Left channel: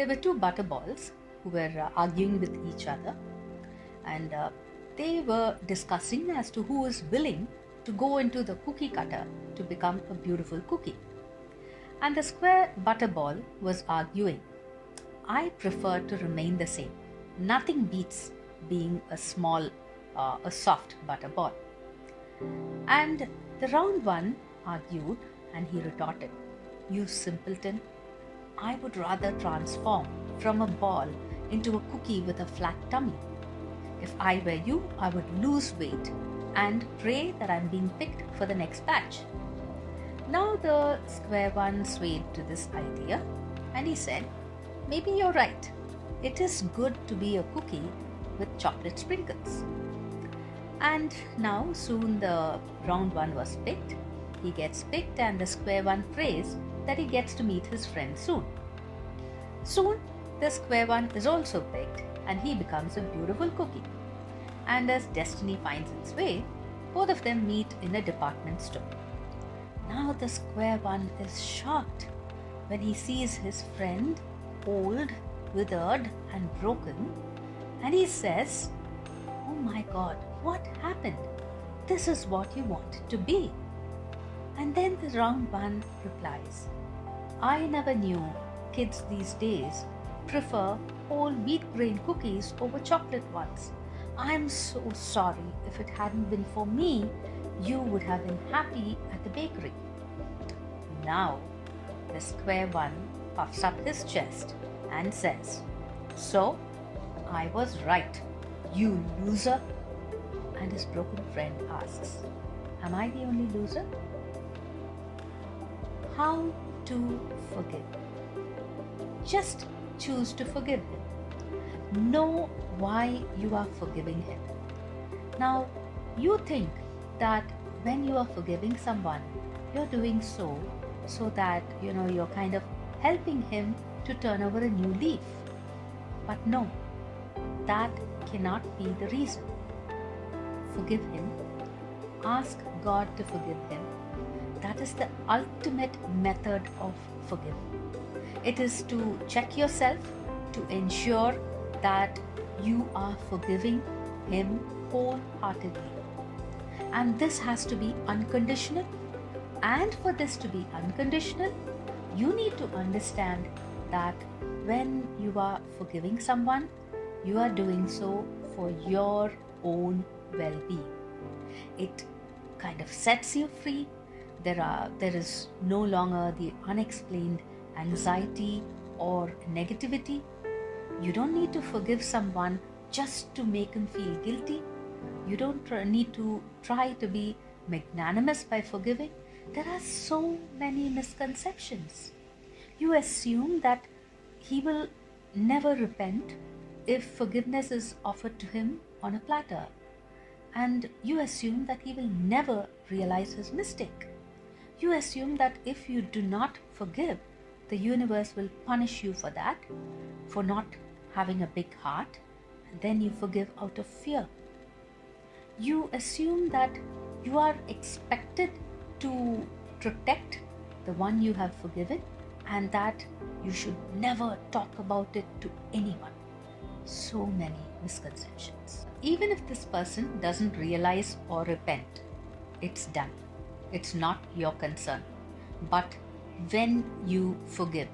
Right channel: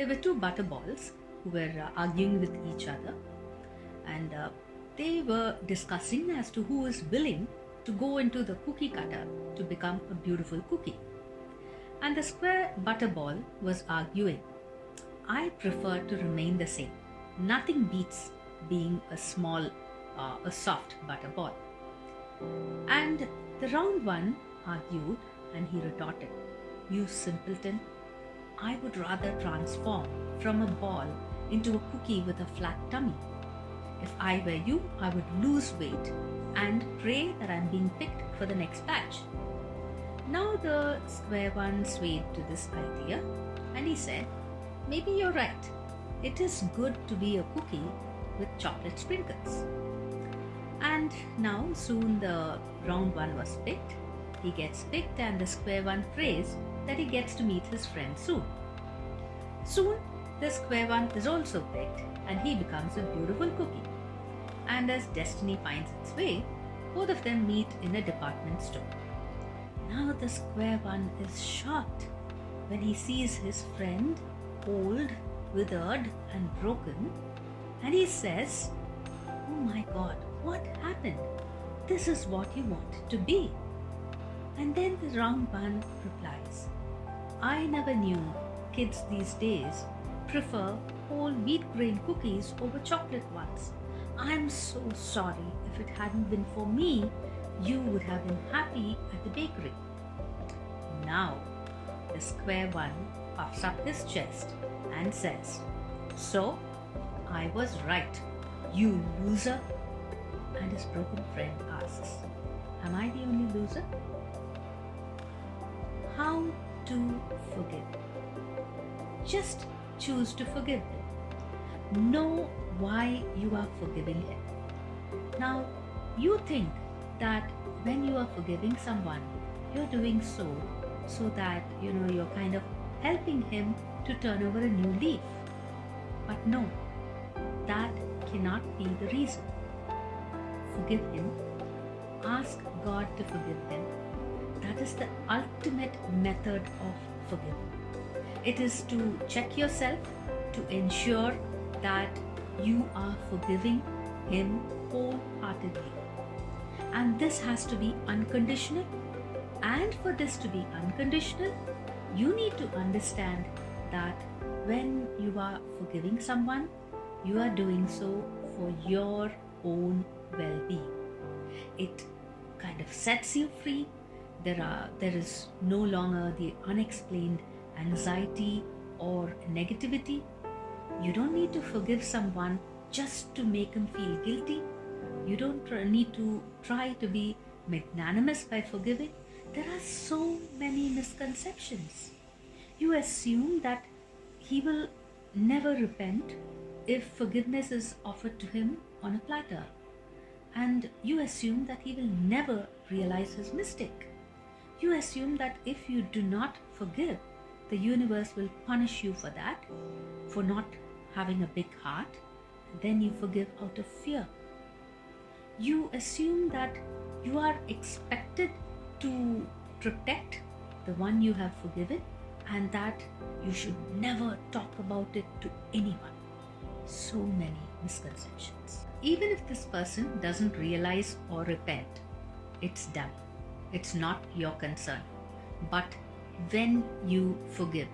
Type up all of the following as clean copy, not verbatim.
There were two butterballs who were arguing with each other, and they were discussing as to who is willing to go into the cookie cutter to become a beautiful cookie. And the square butterball was arguing, I prefer to remain the same. Nothing beats being a soft butterball. And the round one argued, and he retorted, You simpleton, I would rather transform from a ball into a cookie with a flat tummy. If I were you, I would lose weight and pray that I'm being picked for the next batch. Now the square one swayed to this idea, and he said, Maybe you're right. It is good to be a cookie with chocolate sprinkles. And now soon the round one was picked. He gets picked, and the square one prays that he gets to meet his friend soon. Soon the square one is also picked, and he becomes a beautiful cookie. And as destiny finds its way, both of them meet in a department store. Now the square one is shocked when he sees his friend old, withered and broken, and he says, Oh my God, what happened? This is what you wanted to be. And then the round one replies, I never knew kids these days prefer whole wheat grain cookies over chocolate ones. I'm so sorry. If it hadn't been for me, you would have been happy at the bakery. Now, the square one puffs up his chest and says, So, I was right, you loser. And his broken friend asks, Am I the only loser? How to forgive? Just choose to forgive him. Know why you are forgiving him. Now, you think that when you are forgiving someone, you're doing so that you're kind of helping him to turn over a new leaf. But no, that cannot be the reason. Forgive him. Ask God to forgive him. That is the ultimate method of forgiving. It is to check yourself to ensure that you are forgiving him wholeheartedly. And this has to be unconditional. And for this to be unconditional, you need to understand that when you are forgiving someone, you are doing so for your own well-being. It kind of sets you free. There is no longer the unexplained anxiety or negativity. You don't need to forgive someone just to make him feel guilty. You don't need to try to be magnanimous by forgiving. There are so many misconceptions. You assume that he will never repent if forgiveness is offered to him on a platter. And you assume that he will never realize his mistake. You assume that if you do not forgive, the universe will punish you for that, for not having a big heart. Then you forgive out of fear. You assume that you are expected to protect the one you have forgiven, and that you should never talk about it to anyone. So many misconceptions. Even if this person doesn't realize or repent, it's done. It's not your concern. But when you forgive,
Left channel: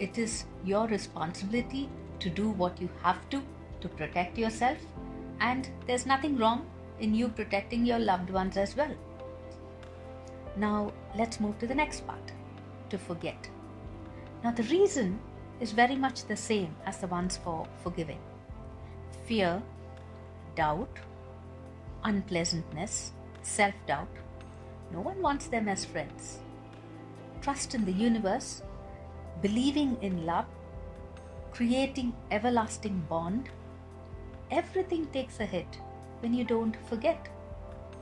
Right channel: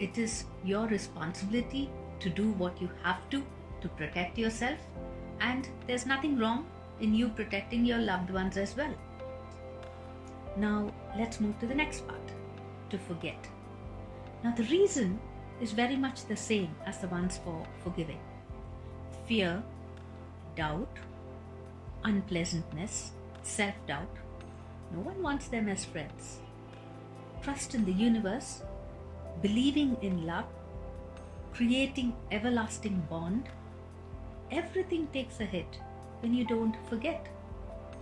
it is your responsibility to do what you have to protect yourself, and there's nothing wrong in you protecting your loved ones as well. Now let's move to the next part, to forget. Now the reason is very much the same as the ones for forgiving. Fear, doubt, unpleasantness, self-doubt. No one wants them as friends. Trust in the universe, believing in love, creating everlasting bond. Everything takes a hit when you don't forget.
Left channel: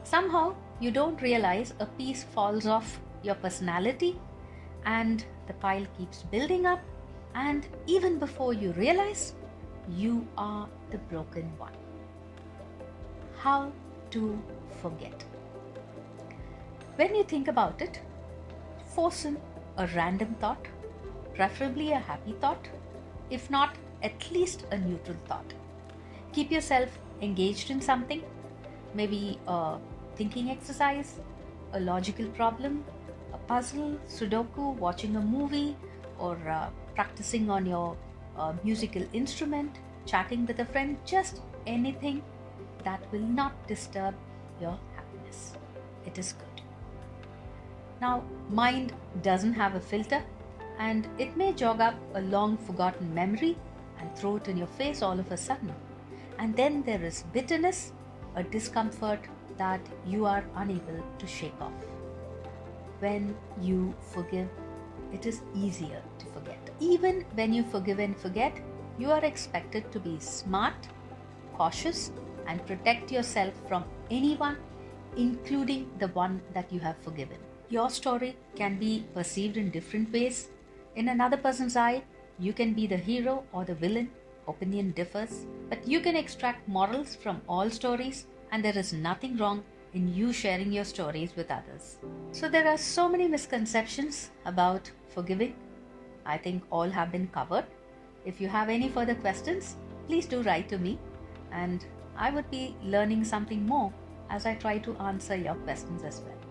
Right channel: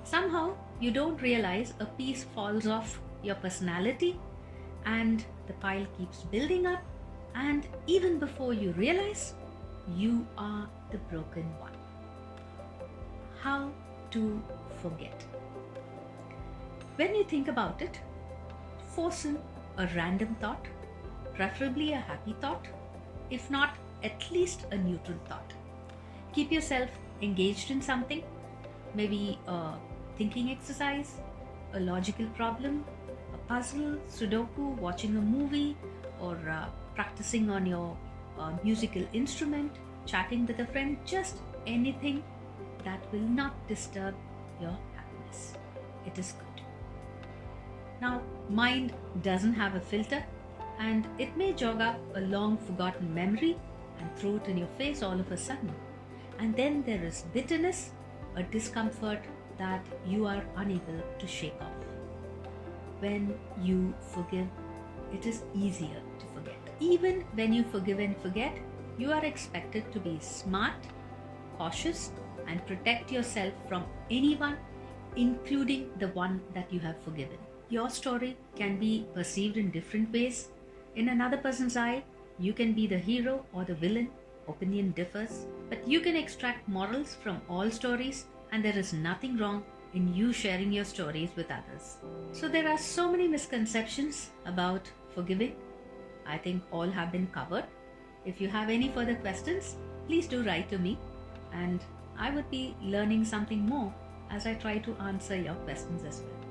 Somehow you don't realize a piece falls off your personality, and the pile keeps building up, and even before you realize, you are the broken one. How to forget? When you think about it, force in a random thought, preferably a happy thought. if not at least a neutral thought. Keep yourself engaged in something, maybe a thinking exercise, a logical problem, a puzzle, Sudoku, watching a movie, or practicing on your musical instrument, chatting with a friend, just anything that will not disturb your happiness. It is good. Now, mind doesn't have a filter, and it may jog up a long forgotten memory and throw it in your face all of a sudden. And then there is bitterness, a discomfort that you are unable to shake off. When you forgive, it is easier to forget. Even when you forgive and forget, you are expected to be smart, cautious, and protect yourself from anyone, including the one that you have forgiven. Your story can be perceived in different ways. In another person's eye, you can be the hero or the villain. Opinion differs, but you can extract morals from all stories, and there is nothing wrong in you sharing your stories with others. So there are so many misconceptions about forgiving. I think all have been covered. If you have any further questions, please do write to me, and I would be learning something more as I try to answer your questions as well.